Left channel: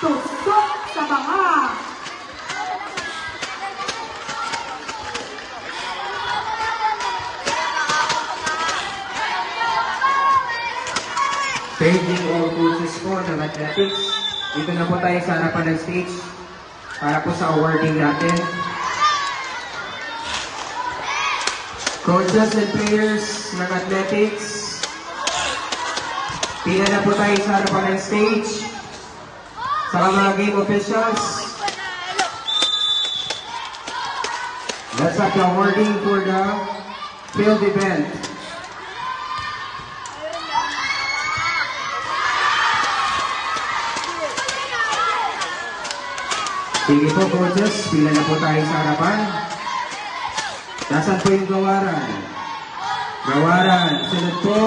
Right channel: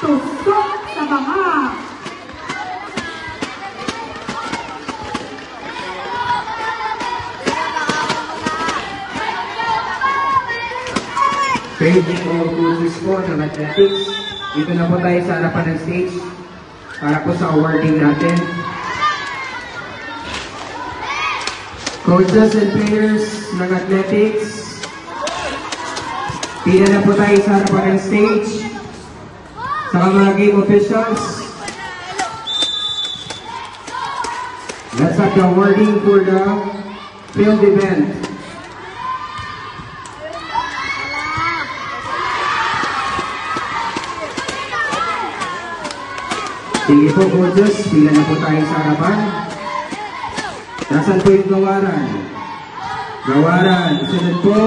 Tusok sa banga. Paging all coaches ko ng athletics. Dito na po tayo sa harapan ng stage para po sa awarding natin. Coaches and players ng athletics. Pila na po tayo sa harapan ng stage. Saka mga game officials. Let's have the awarding for the field event. Sige po, coaches. Pila na po tayo sa harapan. Nasaan po yung gawaran? Gawaran. Sunod po.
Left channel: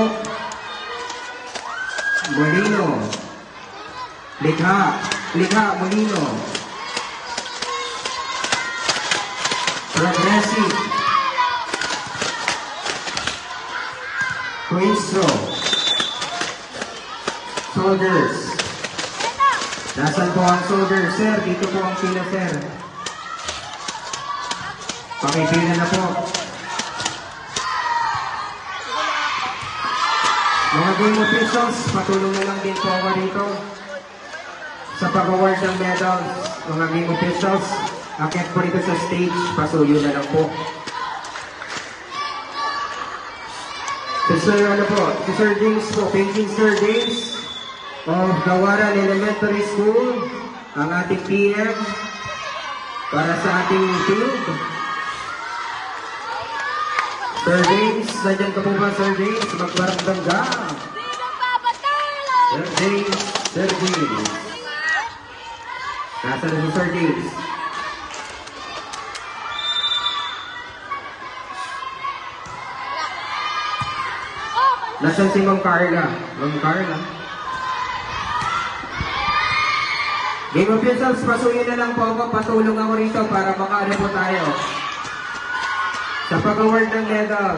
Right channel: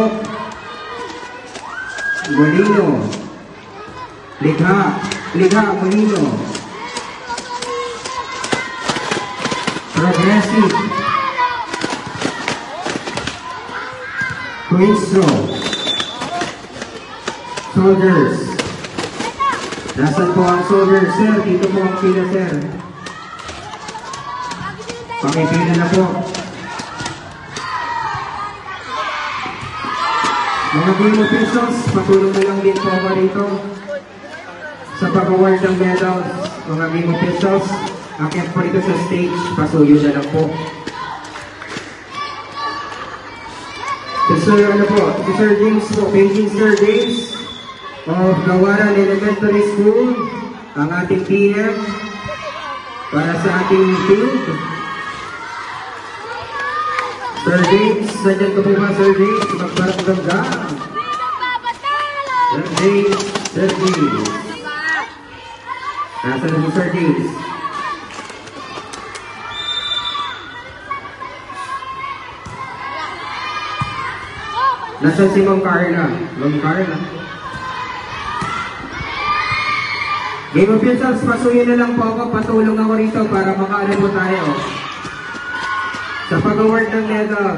Molino. Likha. Likha, Molino. Progressive. Quinso. Soldiers. Nasaan po ang soldiers, sir? Dito po ang pila, sir. Pakipila na po. Mga game officials, patulong na lang din po ako rito. Sa pag-award ng medals, mga game officials, akit po ito sa stage, pasuyo na lang po. Sir, ano po? Sir James po, painting Sir James of Gawaran Elementary School, ang ating PM para sa ating field. Sir James, nandiyan ka po ba, Sir James? Magbarang ganda. Sir James, Sir James. Nasa na po, Sir James. Nasaan si Ma'am Carla? Ma'am Carla. Game officials, pasuyin na lang po ako. Patulong ako rito para makaano po tayo. Sa pag-award ng medal.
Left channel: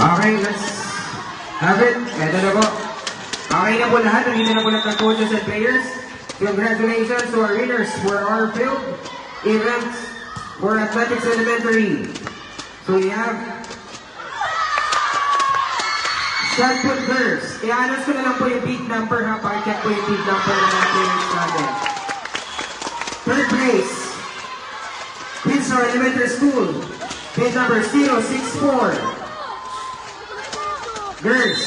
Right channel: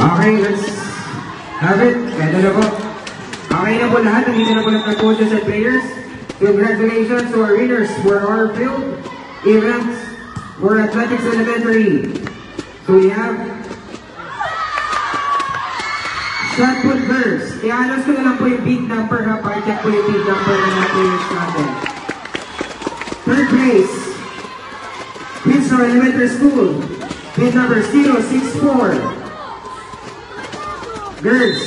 Okay, let's have it. Ganda na po. Okay na po lahat. Hindi na po ng coaches and players. Congratulations to our winners for our field events for Athletics Elementary. So we have shot put first. I-announce ko na lang po yung big number ha. Para-check po yung big number ng mga players natin. Third place, Winsor Elementary School. Bid number 064. Girls.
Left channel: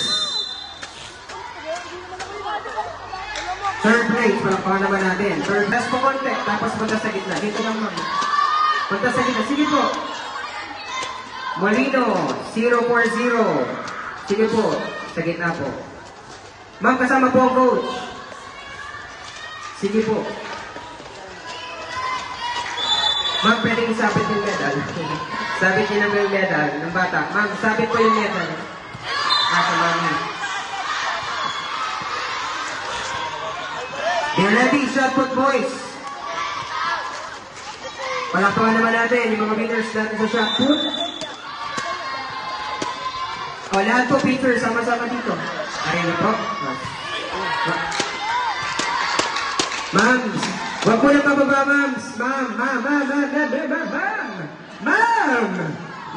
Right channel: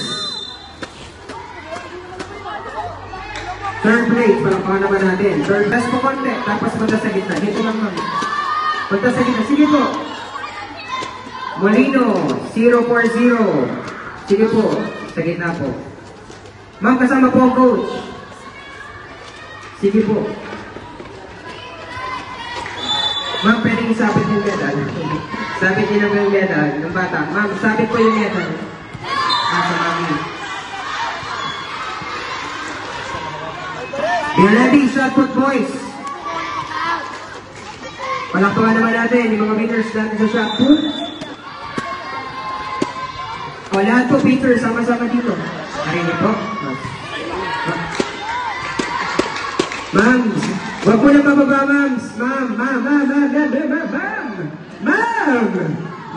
Third place, palakpakan naman natin. Third place po konti, tapos punta sa gitna. Dito lang ma'am. Punta sa gitna. Sige po. Molino, 040. Sige po, sa gitna po. Ma'am, kasama po ang coach. Sige po. Ma'am, pwedeng isapit yung medal. Sabit din naman yung medal ng bata. Ma'am, sabit po yung medal. Be ready, shot put boys. Palakpakan naman natin yung mga winners natin sa shot put. Lahat po picture, sama-sama dito. Ayun po. Ma'am, huwag po lang mababa, ma'am. Ma'am!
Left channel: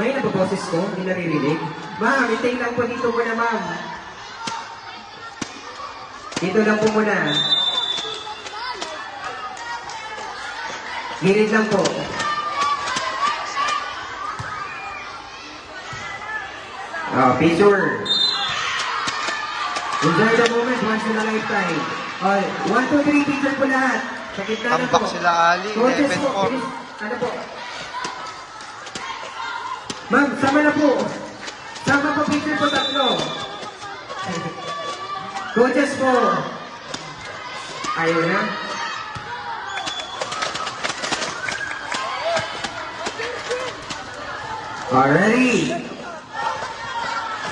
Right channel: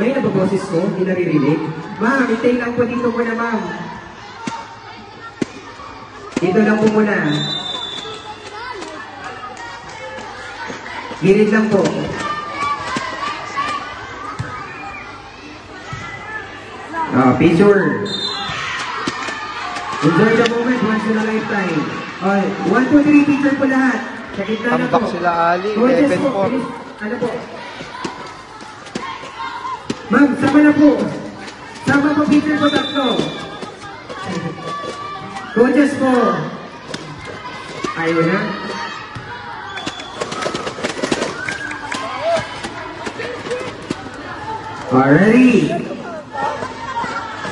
May nababoses ko, hindi naririnig. Ma'am, itay lang po dito muna, ma'am. Dito lang po muna. Girid lang po. Picture. Enjoy the moment once in a lifetime. 1, 2, 3, picture po lahat. Sa gitna na Tambak po. sila Ali, Coaches 11-4. po, please. Ano po? Ma'am, sama na po. Sama po, teacher po tatlo. Coaches po. Ayun. Alrighty.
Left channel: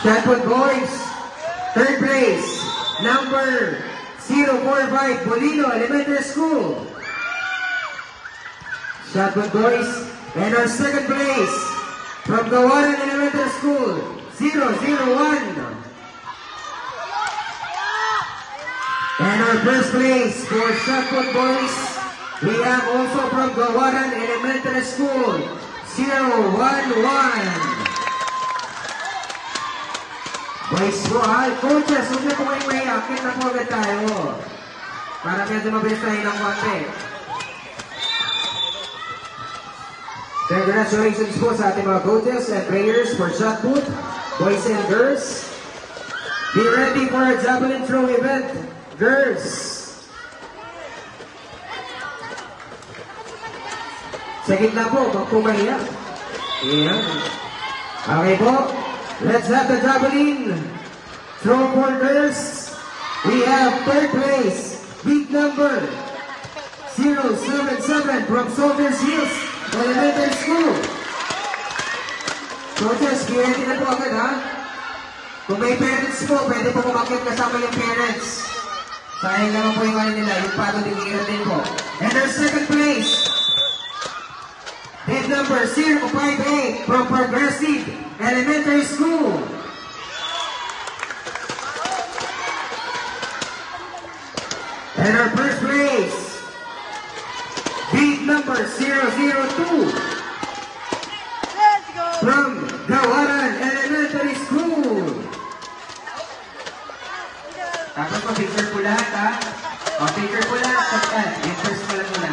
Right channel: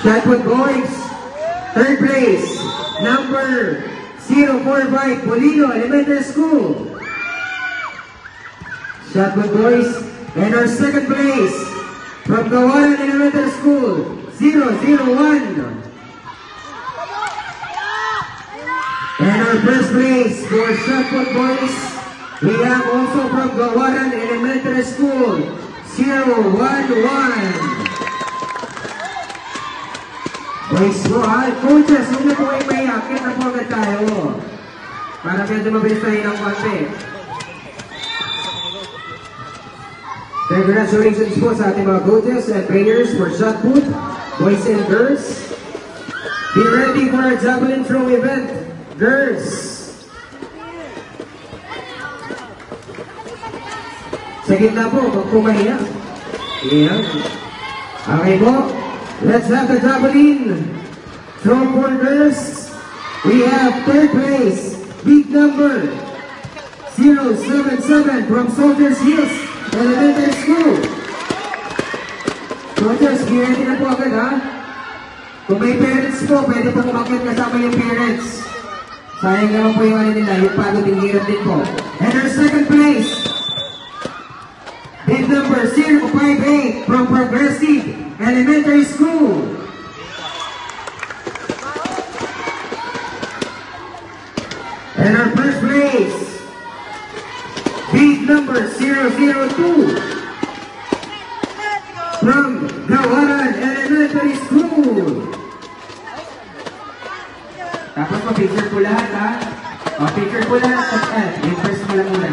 Shotput boys. Third place. Number 045 Polino Elementary School. Shotput boys. And our second place from Gawaran Elementary School. 001. And our first place for Shotput boys. We have also from Gawaran Elementary School. 011. Boys po ha, coaches, huwag na po kayo may akin na po agad tayo. Para medyo mabilis tayo ng konti. Congratulations po sa ating mga coaches and players for shot put, boys and girls. Be ready for our javelin throw event, girls. Sa gitna po, magpumaya. Ayan. Okay po. Let's have the javelin. Throw for girls. We have third place. Big number 077 from Soldiers Hills Elementary School. Soldiers, ready na po agad ha. Kung may parents po, pwede po kumakit kasama yung parents. Sayang naman po yung ano nila, yung pagod yung hirap din po. And our second place. Bid number 058 from Progressive Elementary School. And our first place, bid number 002 from Gawaran Elementary School. Tapos po, picture po lahat ha. O, picture po lahat. Yung first po lang muna.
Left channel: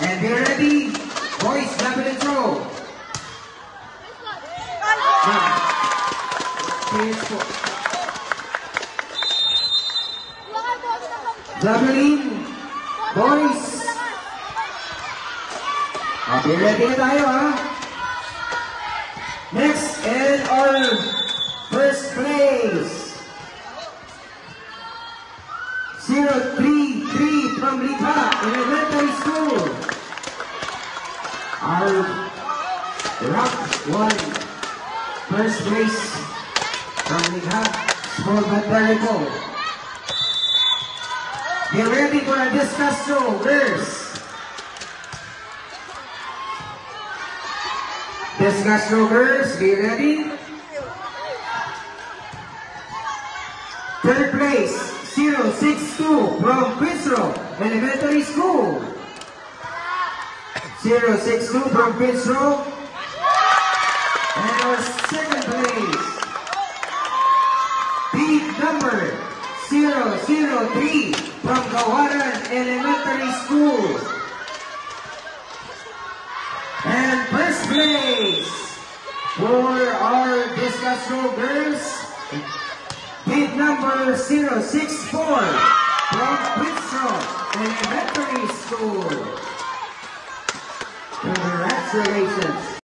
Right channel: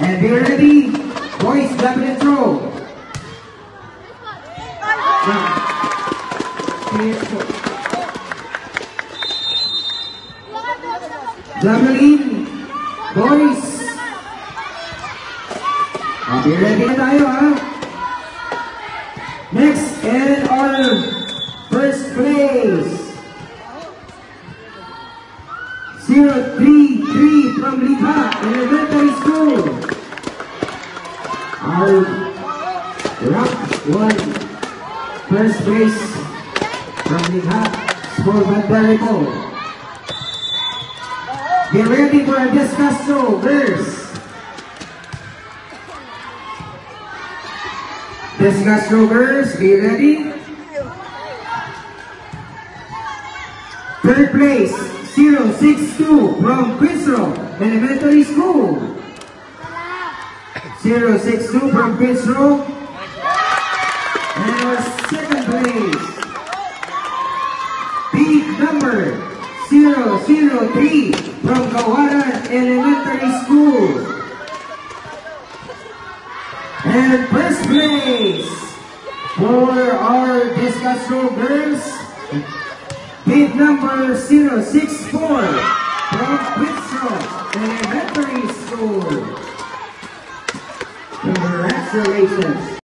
And be ready, boys, rapid and throw. Yeah. Players po. Javelin, boys. Be ready na tayo ha. Next, and our first place. 033 from Lipa Elementary School. Our rock one. First place from Lipa School Banbarrico. Get ready for a discus throw, girls. Discus throw, girls. Be ready. Third place, 062 from Pisro Elementary School. 062 from Pisro. And our second place, big number 003 from Gawaran Elementary School. And first place for our discus throw girls, bid number 064 from Pisro Elementary School. Congratulations.